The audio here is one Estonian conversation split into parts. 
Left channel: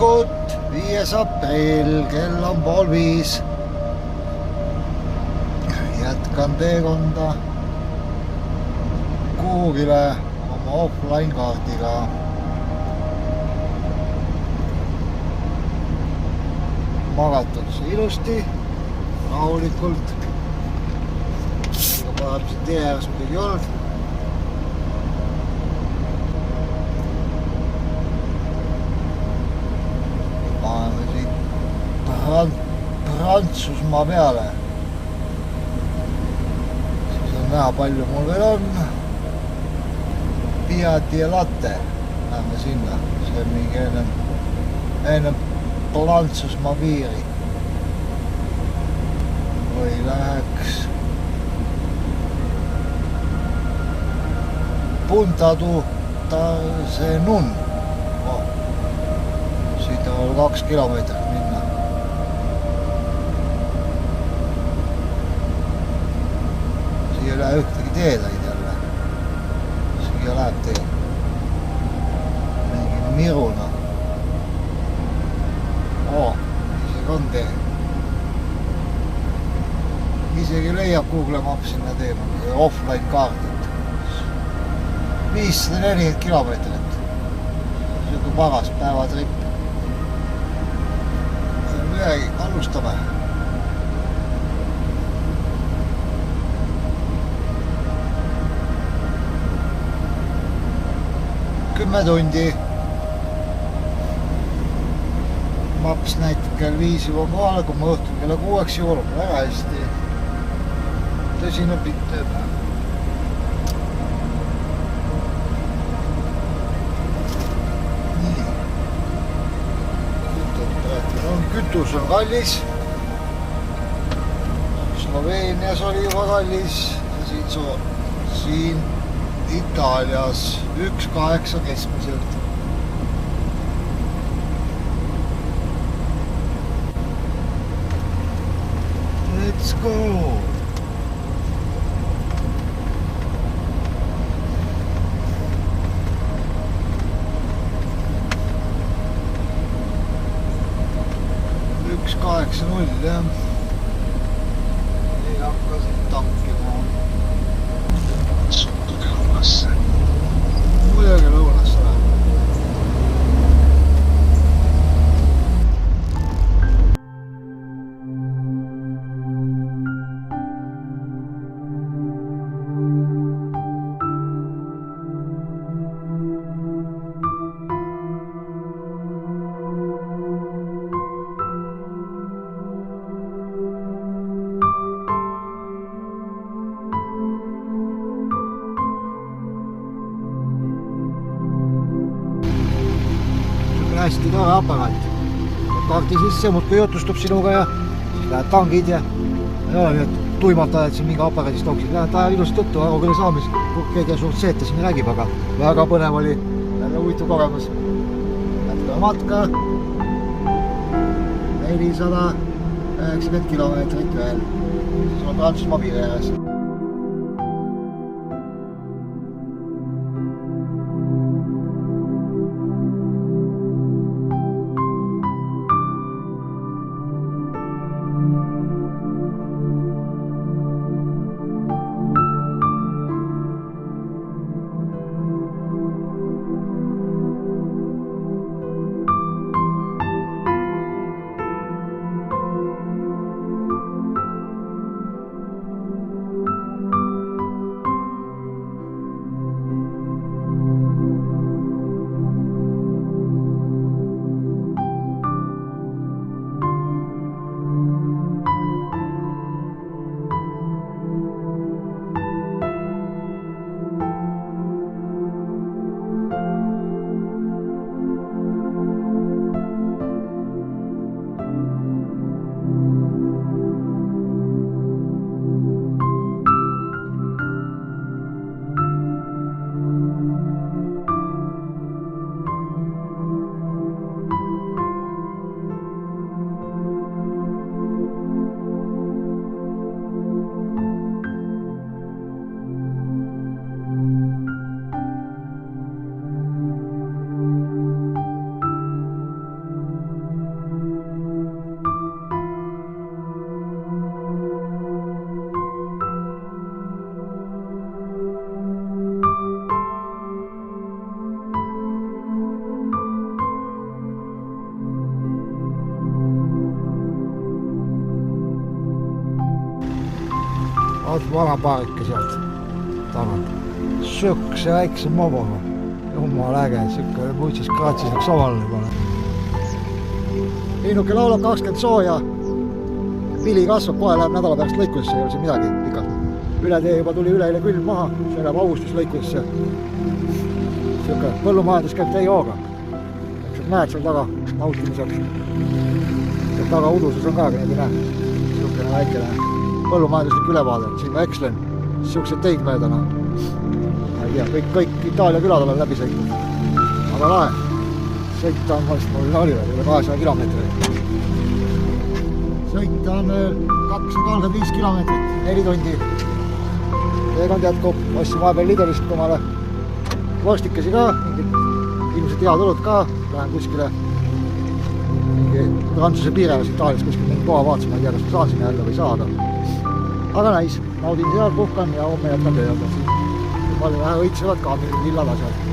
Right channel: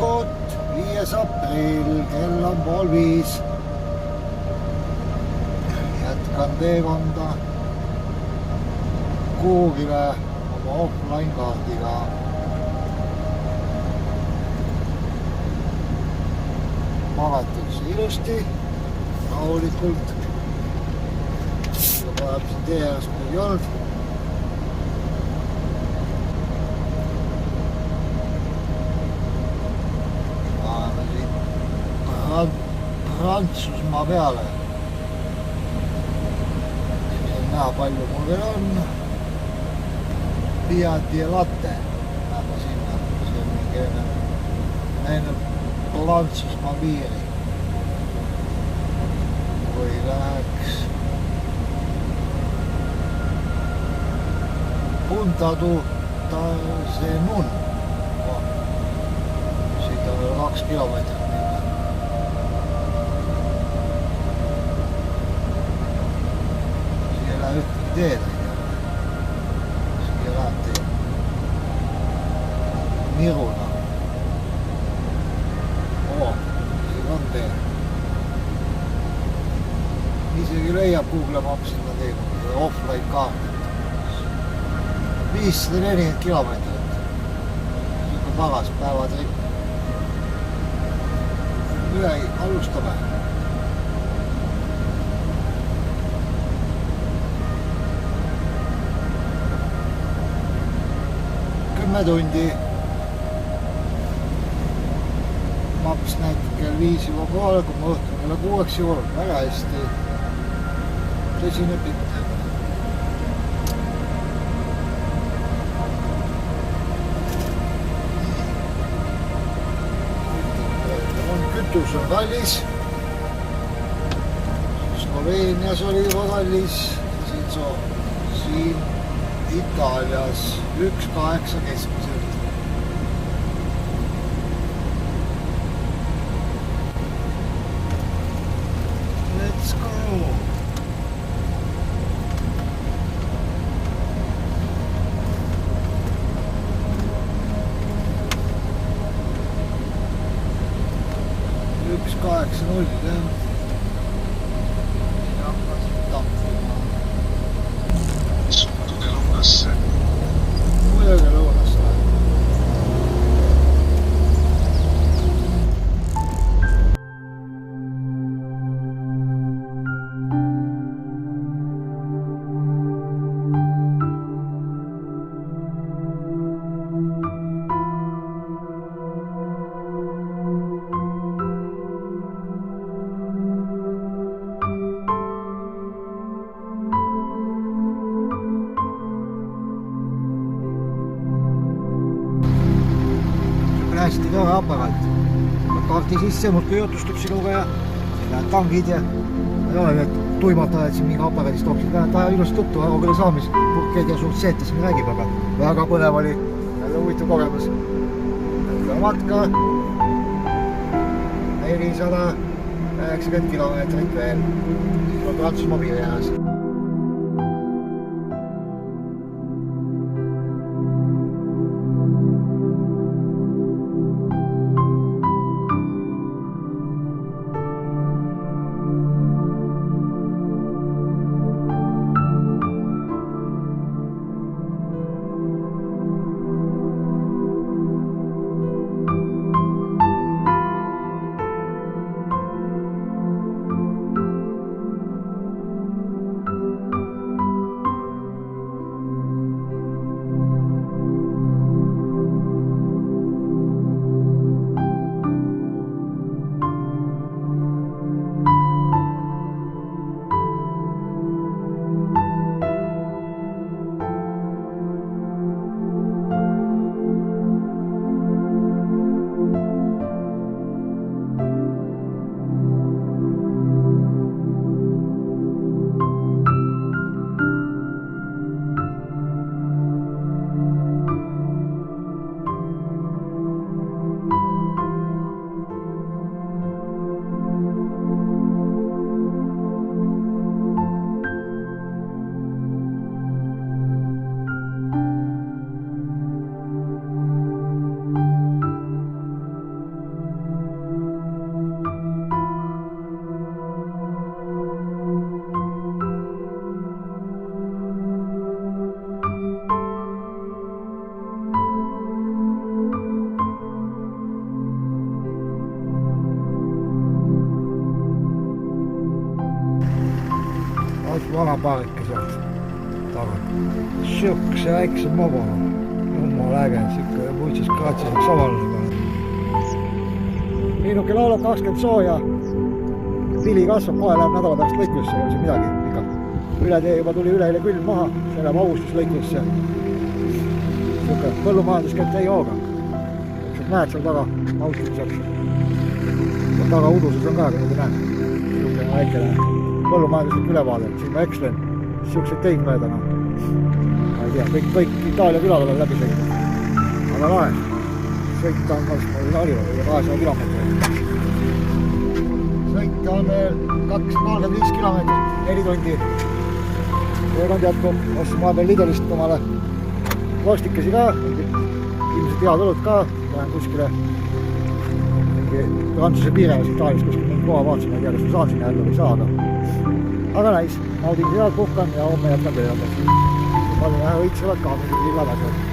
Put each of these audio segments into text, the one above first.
hommikut, 5. aprill, kell on 4:30. Jätkan teekonda kuhugile oma offline kaardiga. Magatud see ilusti, rahulikult. Tuleb see tee ääres midagi olnud. Paneme siit Prantsusmaa peale. Siis on näha palju mul veel on. Piati ja latte. Läheme sinna. See on mingi enne Prantsusmaa piiri. Või läheks Punta see Nun. Siit on 2 kilomeetrit minna. Siia ei lähe ühtegi teed aid jälle. Siia läheb teed. Miruna. Isegi on tee. Isegi leiab Google Maps sinna tee offline kaardit. 540 kilomeetrit. Siuke paras päevatrip. Midagi, alustame. Kümme tundi. Maps näitab kell 5 juba kohale, kui ma õhtul kella 6 jõuan. Väga hästi. Tõsine pilt teeb. Kütus on kallis. Sloveenias oli juba kallis. Siin Itaalias 1,8 keskmiselt. Let's go! Üks 8-0, jah. Ei hakka siin tankima. Suhtuge lõunasse. Muidugi lõunasse. Hästi tore aparaat. Kaarti sisse, muudkui jutustab sinuga ja siis lähed tangid ja tuimalt ajad siin mingi aparaadist tonksid. Lähed aja ilusti tuttu, aga küll saamis pukkeid ja suurt seeta siin nägime, aga väga põnev oli. Jälle huvitav kogemus. Jätka matka. 490 kilomeetrit veel. Siis on Prantsusmaa piiri ääres. vana paarike sealt tagant. Siukse väikse moboga. Jumala äge, siuke muutses kraatsis üks avaline pane. Liinuke laulab 20 sooja. Pili kasvab, kohe läheb nädala pärast lõikusesse, ei ole siin midagi pikalt. Üle tee juba tuli üleile külm maha, see läheb augustis lõikusesse. Siuke põllumajandus käib tei hooga. Mäed seal taga, mautimisel. Ja taga unduses on ka, kui nägi näeb. Siuke väikene põllumajanduslik ülevaade, siin ma ekslen. Siuksed teid möödana. Ma ei tea, kõik Itaalia külad olen läbi sõinud. Aga lahe. Sõita on vast harjuva, üle 200 kilomeetrit. Sõita on 235 kilomeetrit, 4 tundi. Teekond jätkub, ostsin vahepeal Lidlist omale vastikesi ka, ilmselt head olud ka. Lähen kuskile Prantsuse piiremas Itaalias kuskil mingi koha vaatasin, ma ei tea, kas ma saan sinna jälle või saada. Aga näis, naudin seal, puhkan ja homme jätkan tööd. Palju vähe õitsevad ka, lillad asjad.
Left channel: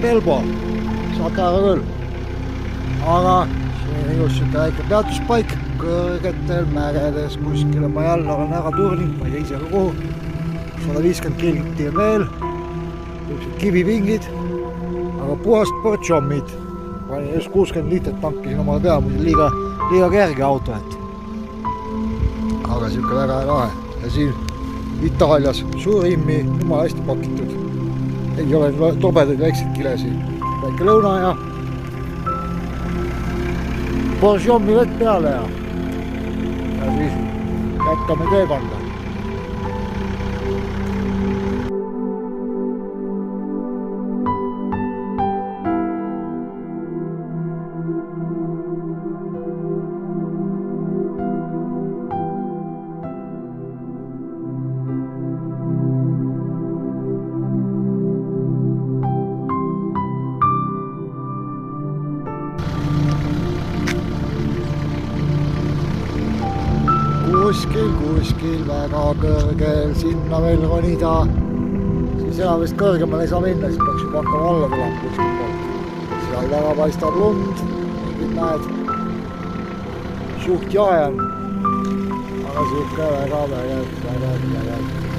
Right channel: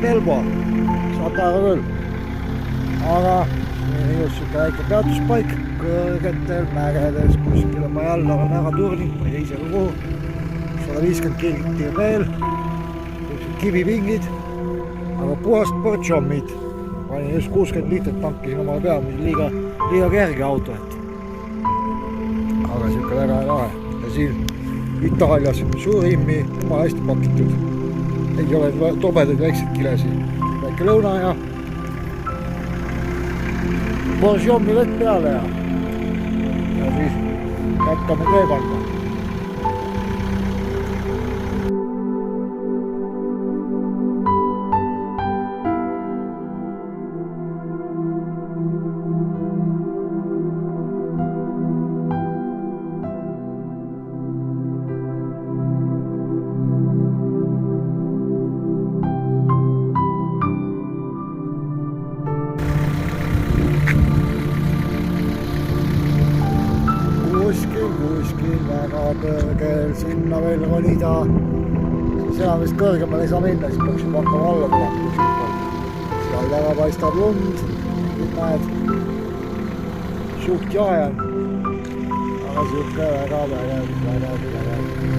Pelbo, saate aru küll. Aga siin ilus siuke väike peatuspaik kõrgetel mägedes kuskile ma jälle olen ära turninud, ma ei tea ise ka kuhu. 150 kilti veel, kivipingid, aga puhast portšommid. Panin just 60 liitrit tankisin omale peale, muidu liiga kerge auto, et. Aga siuke väga lahe. Ja siin Itaalias suurimmi, jumala hästi pakitud. Ei ole tobedaid väikseid kilesi. Väike lõuna ja portšommi vett peale ja siis jätkame teekonda. Kuskil väga kõrgel sinna veel ronida, siis enam vist kõrgemal ei saa minna, siis peaks juba hakkama alla tulema kuskil poolt. Seal taga paistab lund, mingid näed, suht jahe on, aga siuke väga vägev.